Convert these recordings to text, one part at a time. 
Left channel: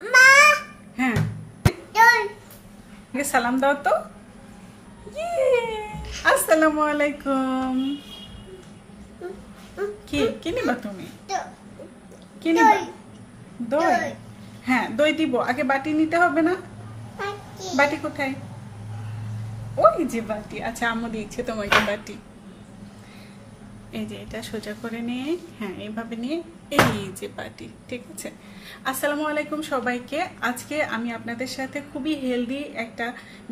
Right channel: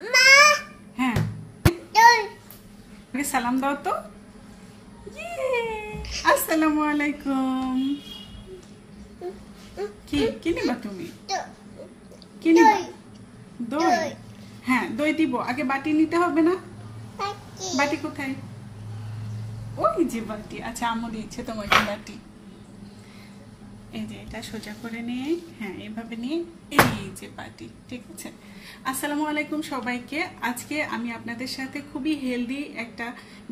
হ্যাঁ, সালাম দাও তো। আসসালামু আলাইকুম। কি নিবা তুমি? কি নিবা? দই। হ্যাঁ, দই দিব। আগে বাটি নিতে হবে না? বাটি কোথায়? ওই যে বাটি। আচ্ছা, আম্মু দিচ্ছে তোমাকে বাটি। এই যে এটা সোজা করে নিয়ে, হ্যাঁ এইভাবে নিয়ে, এই যে বাটি। ঠিক আছে। আসসালামু আলাইকুম সবাইকে। আজকে আমি আপনাদের সাথে খুবই হেলদি একটা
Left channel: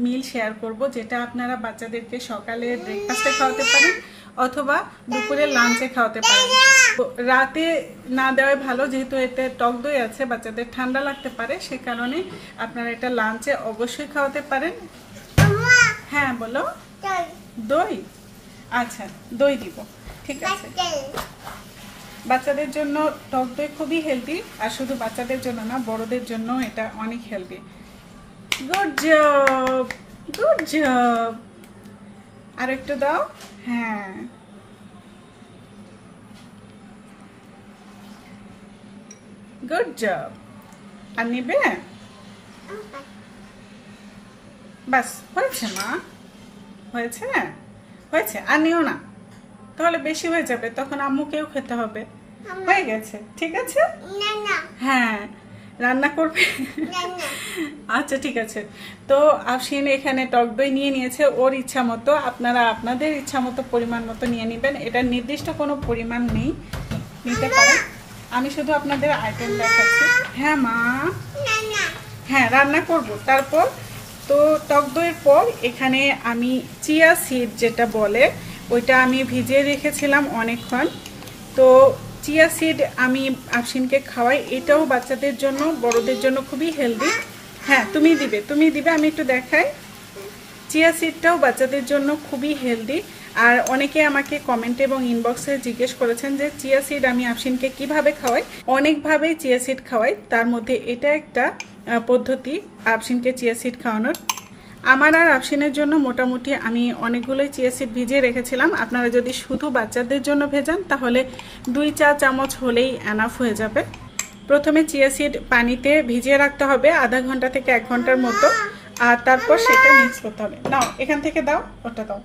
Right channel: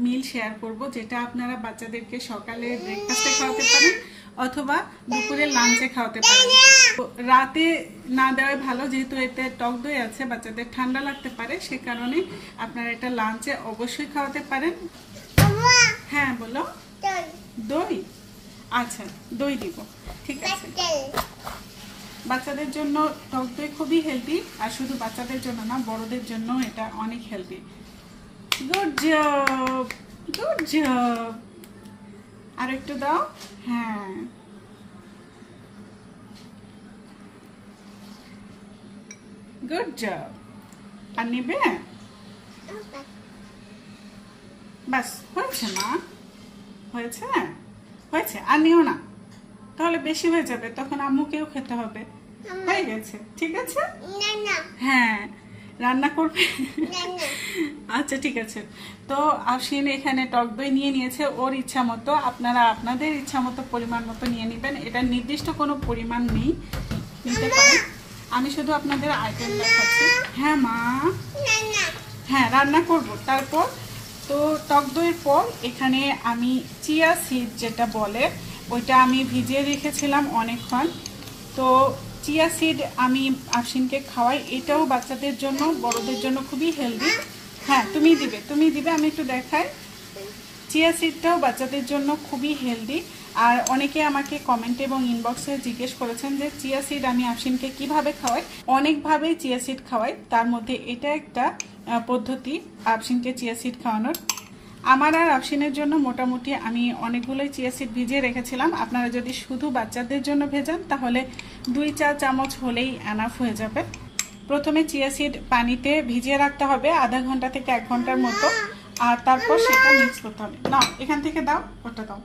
মিল শেয়ার করব, যেটা আপনারা বাচ্চাদেরকে সকালে ব্রেকফাস্টে খাওয়াতে পারেন অথবা দুপুরে লাঞ্চে খাওয়াতে পারেন। রাতে না দেওয়াই ভালো, যেহেতু এতে টক দই আছে, বাচ্চাদের ঠান্ডা লাগতে পারে, সে কারণে আপনারা এটা লাঞ্চে অবশ্যই খাওয়াতে পারেন। হ্যাঁ বলো। দই। আচ্ছা, দই দিব। ঠিক আছে। বাচ্চাদের জন্য টক দই খুবই হেলদি, আর শুধু বাচ্চাদের জন্য না, বড়দের জন্য এটা অনেক healthy. Good job, good job. আর একটু দাও। হ্যাঁ, গুড জব। আর নিবে? বাস, হয়েছে মা, হয়েছে হয়েছে। আর নিও না, তাহলে বেশি হয়ে যাবে, তখন আম্মুকেও খেতে হবে। হয়ে গেছে, ঠিক আছে। হ্যাঁ, রান্না করবে। আচ্ছা ঠিক আছে। তো আফসিন এখানে টক দই নিয়ে নিয়েছে ওর ইচ্ছা মতো। আপনারা আপনাদের ইচ্ছা মতো পরিমাণ মতো নিয়ে নেবেন। এটা নির্দিষ্ট কোনো পরিমাণ নেই, নিতে পারেন। আমি শুধু আপনাদের আইটেম দেখাচ্ছি। হ্যাঁ মা, হ্যাঁ রান্না করব। তারপর তো টক দইয়ের পর এখানে আমি চিয়া সিড যেটা বলে, ওইটা আমি ভিজিয়ে রেখেছিলাম অনেকক্ষণ। তো চিয়া সিড আমি আফসিনকে খাওয়াই। এটাও বাচ্চাদের জন্য, বড়দের জন্য খুবই হেলদি। হ্যাঁ তুমি দিবে, আমি একটু দেখাই। চিয়া সিডটাও বাচ্চাদের জন্য খুবই হেলদি। আর অনেকে আমাকে কমেন্ট এবং ইনবক্সে জিজ্ঞেস করেছেন যে চিয়া সিড আমি আফসিনকে কিভাবে খাওয়াই। অনেকভাবেই চিয়া সিড খাওয়াই, তার মধ্যে এটা একটা পদ্ধতি আফসিনকে চিয়া সিড খাওয়ানোর। আমার আর আফসিনের জন্য মোটামুটি আমি অনেকগুলোই চিয়া সিড ভিজিয়ে রেখেছিলাম। আপনারা যদি শুধু বাচ্চাদের জন্য ভেজান তাহলে 2 চা চামচ হলেই এনাফ হয়ে যাবে। প্রথমে চিয়া সিড পানিতে ভিজিয়ে রাখতে হবে আধা ঘন্টা থেকে 1 ঘন্টার মতো, আর তারপর সেটা মিক্স করতে হবে। নাও এখান থেকে দাও, ওটা দাও।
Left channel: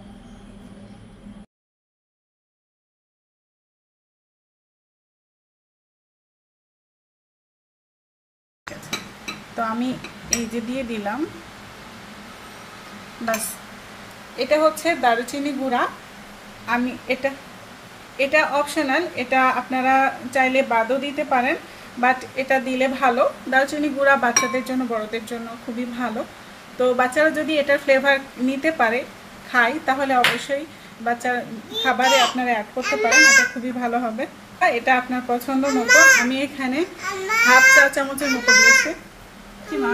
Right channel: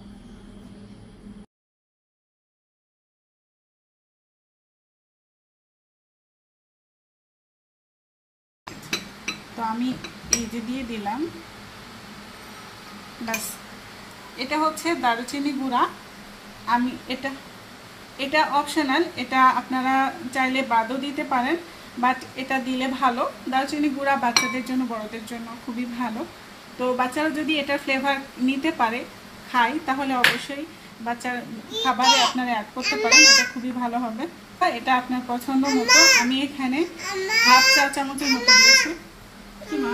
তো আমি এই যে দিয়ে দিলাম, বাস। এটা হচ্ছে দারুচিনি গুঁড়া। আমি এটা অপশনাল, এটা আপনারা চাইলে বাদও দিতে পারেন, বাট এটা দিলে ভালো। দারুচিনি গুঁড়া বাচ্চাদের জন্য, বড়দের জন্য খুবই ভালো। তো বাচ্চারা যদি এটার ফ্লেভার নিতে পারে, খায়, তাহলে অবশ্যই বাচ্চার খাবারে আপনারা অ্যাড করতে পারেন, এটা খুবই ভালো হবে। এটা আপনার পছন্দ মতো। আমি এখানে হাফ চা চামচের মতো দিয়েছি। কি মা?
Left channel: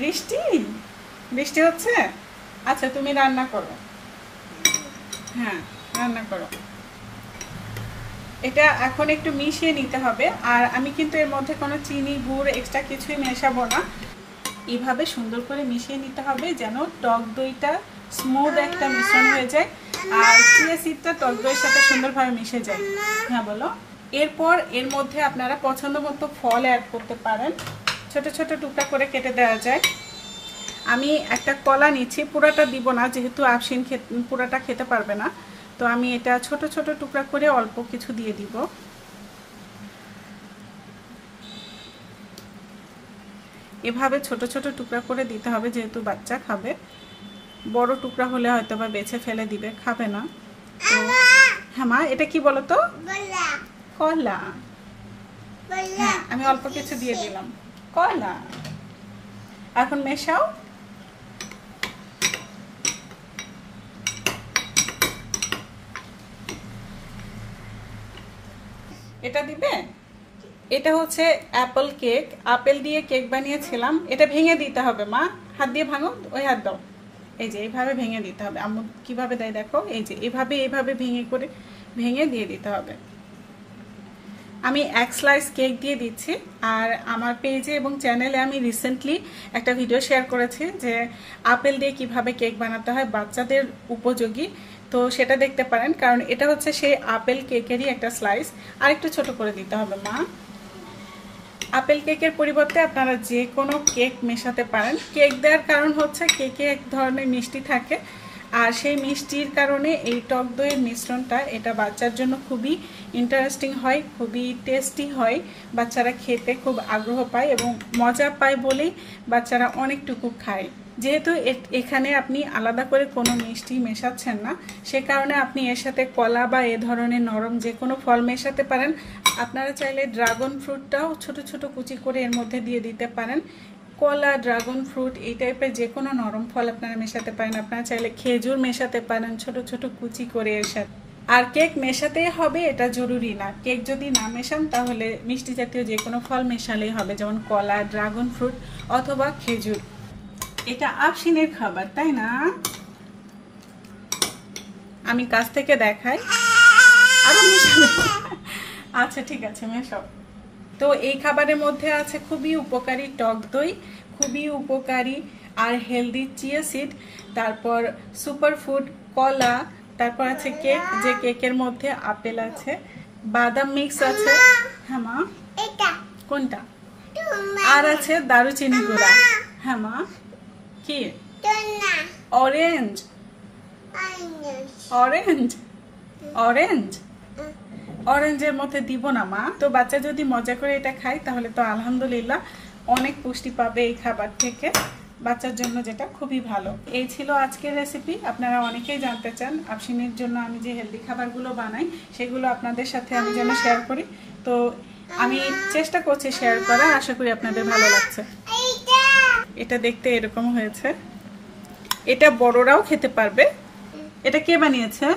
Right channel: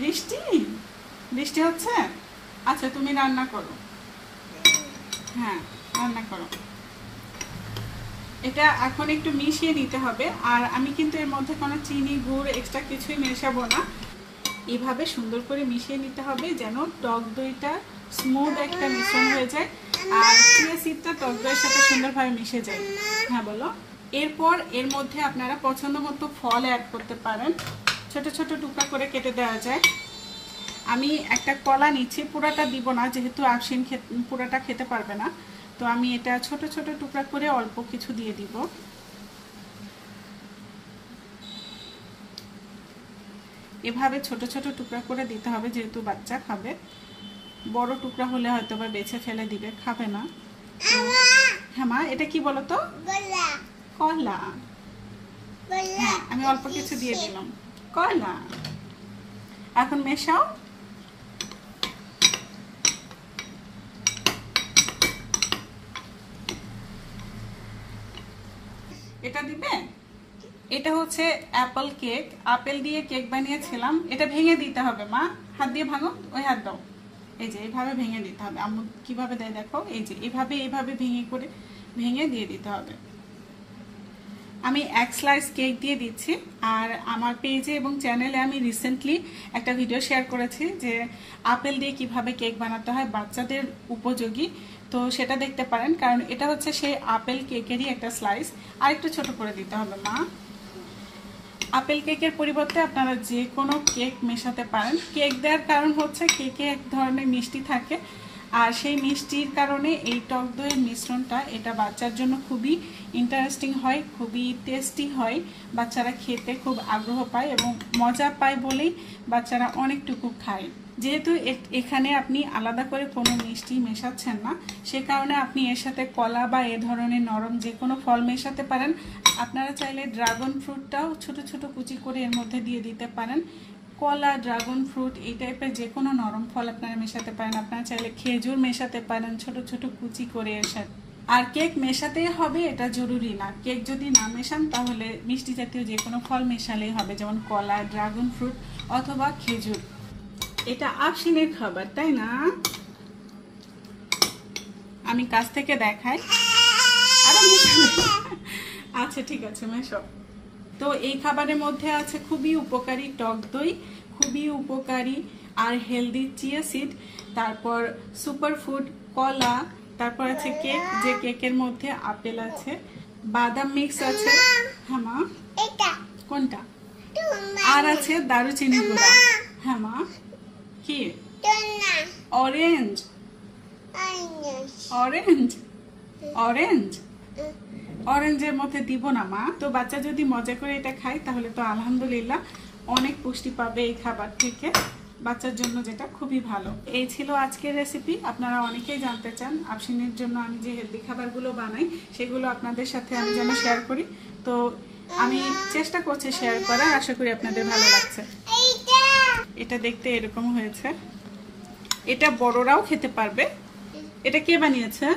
বৃষ্টি বৃষ্টি হচ্ছে? আচ্ছা তুমি রান্না করো। হ্যাঁ রান্না করো। এটা এখন একটু মিশিয়ে নিতে হবে। আর আমি কিন্তু এর মধ্যে কোনো চিনি, গুড় এক্সট্রা কিছুই মেশাবো না। এইভাবে সুন্দর করে মিশিয়ে নিতে হবে যেন টক দইটা স্মুথ একটা মিশ্রণ হয়ে যায়, আর চিয়া সিডটা টক দইয়ের সাথে সুন্দরভাবে মিশে যায়। হ্যাঁ বলো। এরপর এর মধ্যে আপনারা পছন্দ মতো ফল অ্যাড করতে পারেন, ছোট ছোট টুকরা করে কেটে দেওয়া যায়। আমি একটা কলা নিচ্ছি, পুরাটা দিব না যেহেতু আফসিন পুরাটা খেতে পারবে না। তো আমি এটা ছোট ছোট টুকরা করে অল্প কিছু দিয়ে দিব। এভাবে ছোট ছোট টুকরা করে দিতে হবে, যেহেতু বাচ্চা খাবে। বড় টুকরা হলে হয়তো বা বেছে ফেলে দিবে, খাবে না। তো হ্যাঁ মা, এটা কি বলো তো? কলা। হ্যাঁ আমি অল্প কিছু দিয়ে দিলাম, কলা। এখন মেশাও। এটা দিবে। এটা হচ্ছে অ্যাপল কেক, আপেল দিয়ে কেক বানিয়েছিলাম। এটা ভেঙে দিতে হবে মা, হাত দিয়ে ভাঙো, ওই হাত দাও। এই যে এইভাবে ভেঙে দিতে হবে। আম্মু কিভাবে দেয় দেখো, এই যে এইভাবে ভেঙে দিয়ে দিতে হবে। আমি 1 স্লাইস কেক দিয়ে দিচ্ছি। আর আমার পেজে এবং চ্যানেলে আমি রিসেন্টলি একটা ভিডিও শেয়ার করেছি যে আপেল দিয়ে কিভাবে কেক বানাতে হয় বাচ্চাদের উপযোগী। তো সেটা দেখতে পারেন, কারণ এটা হচ্ছে সেই আপেল কেকেরই একটা স্লাইস। আর একটু ছোট করে দিতে হবে মা। আপেল কেকের পরিবর্তে আপনারা যে কোনো কেক মেশাতে পারেন। কেক দেওয়ার কারণ হচ্ছে কেকে এক ধরনের মিষ্টি থাকে, আর সেই মিষ্টির কারণে এই টক দইয়ের মিশ্রণটা এটা বাচ্চার জন্য খুবই ইন্টারেস্টিং হয়, খুবই টেস্টি হয়। বাচ্চারা খেতে খুব আগ্রহ পায় এবং মজা পায় বলেই বাচ্চারা অনেকটুকু খায়। যেহেতু এখানে আপনি আলাদা করে কোনো মিষ্টি মেশাচ্ছেন না, সে কারণে আপনি এর সাথে কলা বা এ ধরনের নরম যে কোনো ফল মেশাতে পারেন। আপনারা চাইলে ড্রাগন ফ্রুটটাও ছোট ছোট কুচি করে এর মধ্যে দিয়ে দিতে পারেন। কলা, ড্রাগন ফ্রুট এই টাইপের যে কোনো নরম ফল আপনারা মেশাতে পারেন। আপনারা চাইলে খেজুর মেশাতে পারেন ছোট ছোট কুচি করে এর সাথে। আর কেক মেশাতেই হবে এটা জরুরি না। কেক যদি না মেশান তাহলে মিষ্টি জাতীয় যে কোনো ফল মেশালেই হবে, যেমন কলা, ড্রাগন ফ্রুট অথবা খেজুর। এটা আফসিনের খাবার, তাই না? আমি কাছ থেকে দেখাই। আরো মেশাবে? আচ্ছা ঠিক আছে, মেশাও। তো এই খাবারের মধ্যে আছে খুবই উপকারী টক দই, খুবই উপকারী আর হেলদি চিয়া সিড, তারপর সুপার ফুড কলা, তারপর আছে কেক, যে কেকের মধ্যে আপেল আছে, বাদাম মিক্স আছে। হ্যাঁ মা, কোনটা? আর আছে দারুচিনি গুঁড়া। হ্যাঁ মা, কি? অরেঞ্জ। অরেঞ্জ অরেঞ্জ অরেঞ্জের মধ্যে দিব না মা। তো বাচ্চা যদি মজা করে এটা খায় তাহলে তো আলহামদুলিল্লাহ অনেক পুষ্টি পাবে এই খাবার থেকে, বাচ্চার জন্য যেটা খুবই ভালো। এই ছিল আজকের রেসিপি। আপনারা অনেকেই জানতে চান আফসিনের জন্য আমি যে হেলদি খাবারগুলো বানাই সেগুলো আপনাদের সাথে আমি যেন শেয়ার করি। তো আমি চেষ্টা করছি শেয়ার করার, আশা করি আপনাদের ভালো লাগছে। এটা দেখতে এরকম হয়েছে, এটা বড়রাও খেতে পারবে। এটা কে বানিয়েছে?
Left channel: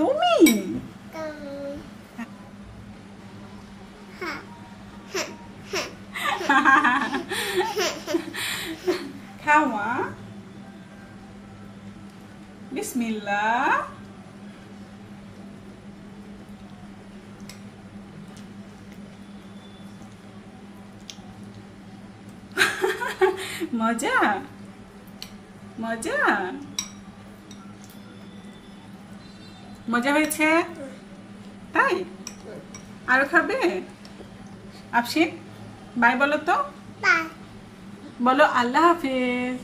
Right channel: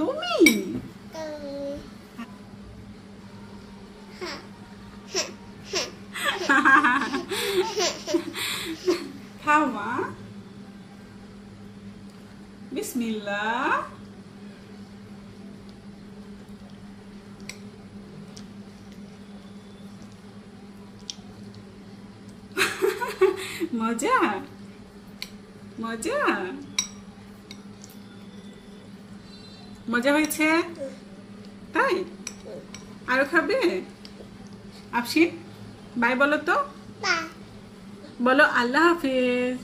তুমি? খাও মা, বিসমিল্লাহ। মজা মজা মজা হয়েছে, তাই? আরো খাবে? আফসিন বাই বলো তো, বলো আল্লাহ হাফেজ।